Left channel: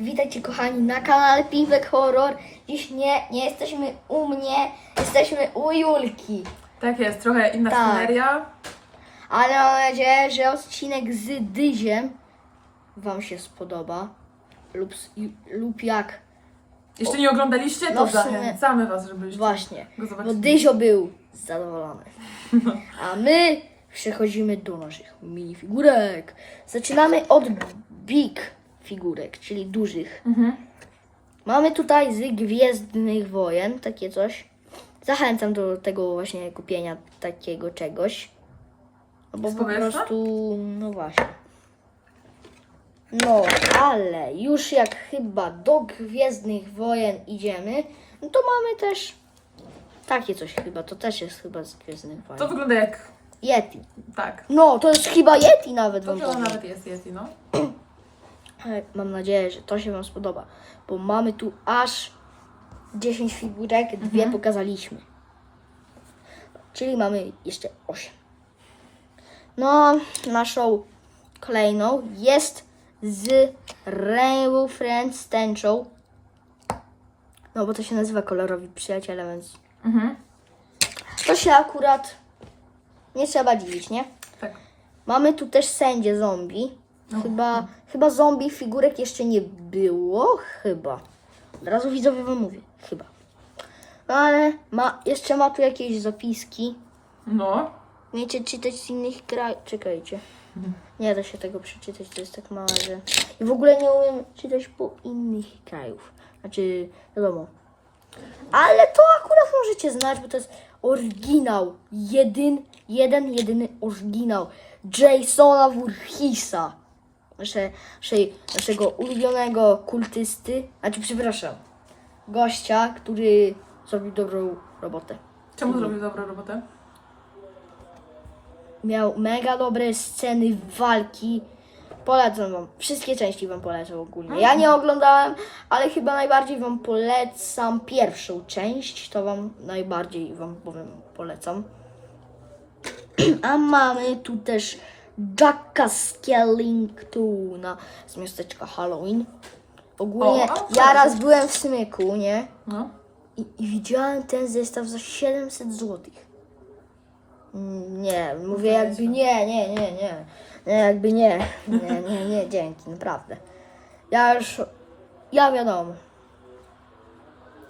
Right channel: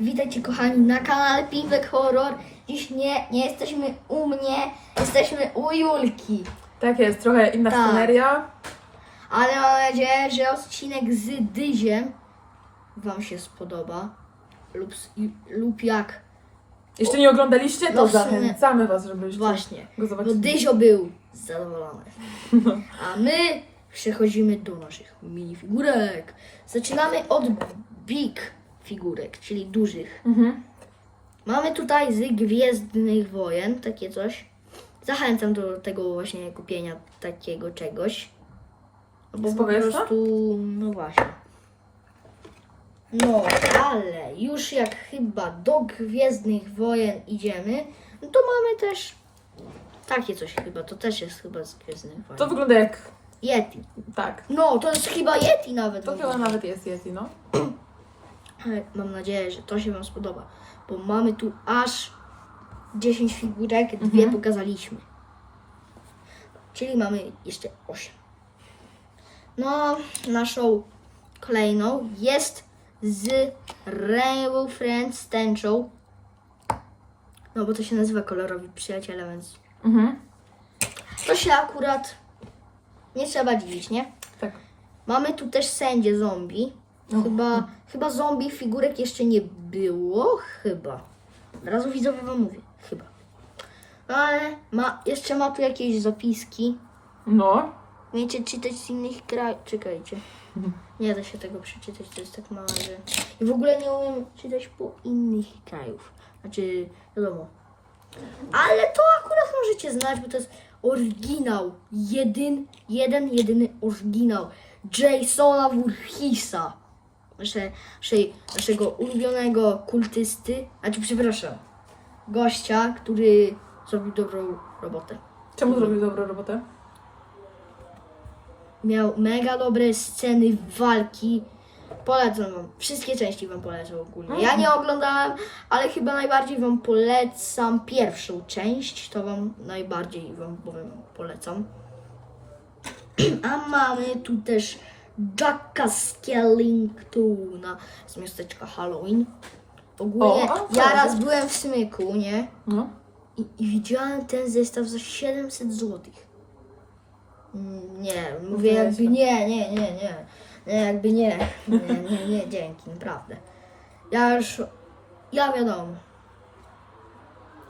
Witajcie kochani na kanale Piwek Horror. Dziś nie, nie jesteśmy u mnie, jesteśmy u Julki. Tak jest, trochę inna Tak. sceneria. Ale mam nadzieję, że odcinek z Dyziem Wam się spodoba. Lub, s- lub jak. Jeśli nie oglądaliście, to No w sumie- zachęcamy was, żebyście Właśnie. go Bo zobaczyli. Dyzio był zadowolony. A my przechodzimy do naszych minifigurek. Zaczynamy od big figurek, czyli dużych. Mhm. Mamy tutaj z Gwiezdnych Wojen takie coś. Zachęcam do tego właśnie kupienia takiego czegoś. No Bo po prostu, no właśnie. No, ale już jak chyba do Gwiezdnych Wojen idziemy, no to mamy też takie coś chyba, to też jest chyba z Gwiezdnych Wojen. To wygląda jak... Yeti. Tak. No, to jest chyba Yeti nawet. To wygląda. chyba nawet jest Yeti, no. Mam nadzieję, że to się Wam spodoba, bo mamy tu aż 10 figurek, dwie Mhm. pokazaliśmy. Czyli mamy jeszcze 8. No, naszą kolejną jest z Rainbow Friends tęczą. No, bo to się nazywa kolorowi przyjaciele, więc Mhm. to się akurat nie trzeba dziwić, nie? Tak. Mamy tu też sędzie zombie. No. Chyba, chyba zombie figurek jeszcze nie było. Chyba. Od razu widzowie wam mówię. Chyba. No ale ma, jeszcze ma tu jakieś zapiski. No. Umiecie czytać z innych krajów. Czekajcie. Nie da się tego przeczytać, to jest tak małe, że... I w ogóle nie umiem czytać po innych krajów. Znaczy, wiadomo. Ale to akurat możecie znać, bo to jest oryginał. Jedyn, jeden, jedyny oryginał. Jasona Voorheesa. Nasze, naszej, naszego ulubionego kultysty. Znaczy, przepraszam. Gościa, który zrobił dobrą robotę. Czemu zrobił dobrą robotę? Miał mega dobre sceny walki. Polecam wam. Wszystkie części wam polecam ogólnie. Ja nie oglądałem, ale chyba najbardziej wam polecam pierwszą część. To wam najbardziej wam powiem polecam. A mamy tu też Jacka Skellingtona z miasteczka Halloween. Ogólnie O, a, ja fajnie. raz byłem w Smyku, nie? No. I, I widziałem ten zestaw za 700 zł. Nie, mówię jakby jest. nie, nie, nie, nie. Nie, jakby nie. Nie, nie, nie, dzięki, naprawdę. Ja już, ja wiadomo.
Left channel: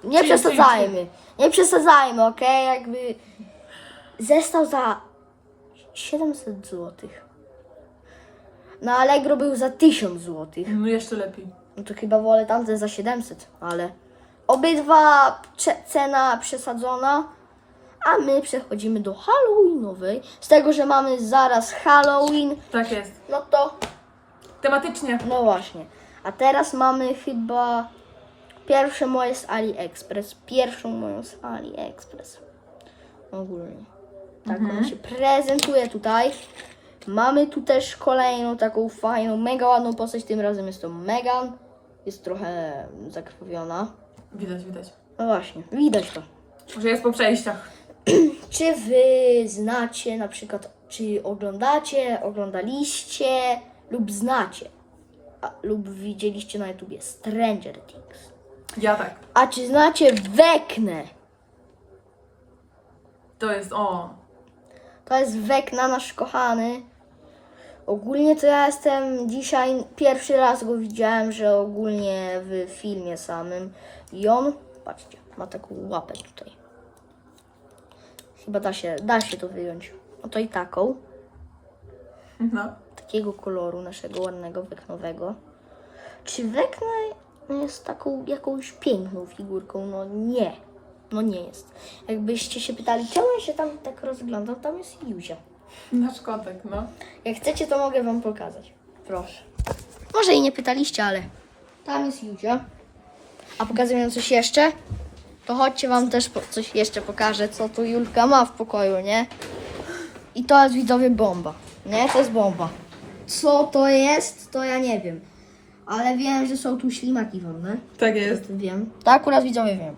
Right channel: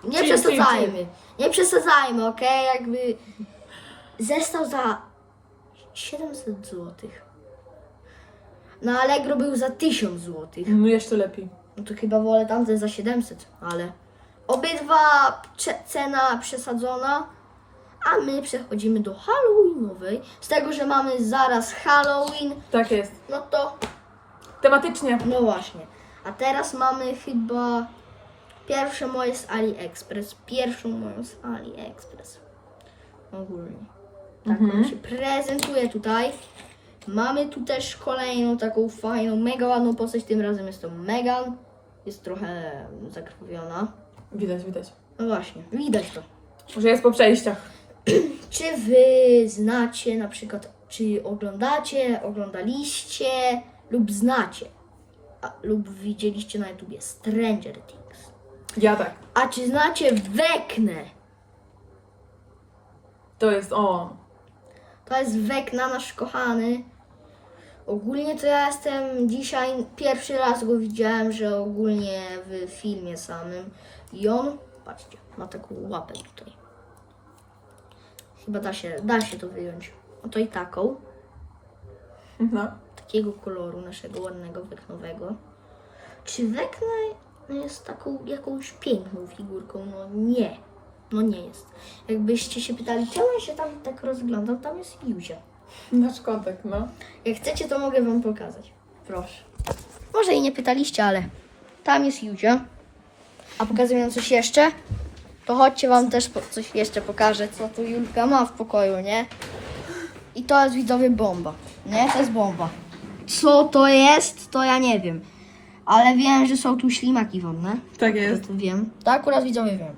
Nie Chill, przesadzajmy, nie przesadzajmy, okej? Jakby zestaw za 700 zł. Na Allegro był za 1000 zł. No jeszcze lepiej. No to chyba wolę tamten za 700, ale obydwa cena przesadzona, a my przechodzimy do Halloweenowej. Z tego, że mamy zaraz Halloween, Tak jest. no to Tematycznie. no właśnie. A teraz mamy chyba pierwsze moje z AliExpress, pierwszą moją z AliExpress. Ogólnie. Tak Mhm. ona się prezentuje tutaj. Mamy tu też kolejną taką fajną, mega ładną postać. Tym razem jest to Megan. Jest trochę zakrwawiona. Widać, widać. No właśnie, widać to. Że jest po przejściach. Czy wy znacie na przykład, czy oglądacie, oglądaliście lub znacie a, lub widzieliście na YouTubie Stranger Things? Ja tak. A czy znacie Weknę? To jest, o. To jest Wekna, nasz kochany. Ogólnie to ja jestem dzisiaj, pierwszy raz go widziałem, że ogólnie w filmie samym. I on, patrzcie, ma taką łapę tutaj. Chyba da się, da się to wyjąć. Oto i taką, No. takiego koloru naszego ładnego weknowego. Czy Wekna jest taką jakąś piękną figurką? No nie. No nie jest. Jakbyście się pytali, czemu ja się tam tak rozglądam, tam jest Józia. Nasz kotek, no. Jak chcecie, to mogę wam pokazać. Proszę. Może i nie pytaliście, ale tam jest Józia. A pokazuję coś jeszcze? To chodźcie wam też po- coś jeszcze pokażę, co tu Julka ma w pokoju, nie? I to jest widzowie bomba. Nie, to jest bomba. Co to jest, to ja nie wiem. Ale wiem, że są tu ślimaki wodne. Tak jest. Wiem. To akurat widzowie wiem.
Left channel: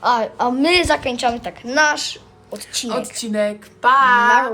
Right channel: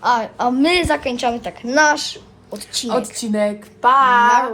A, a my zakończamy tak nasz odcinek. Odcinek. Pa!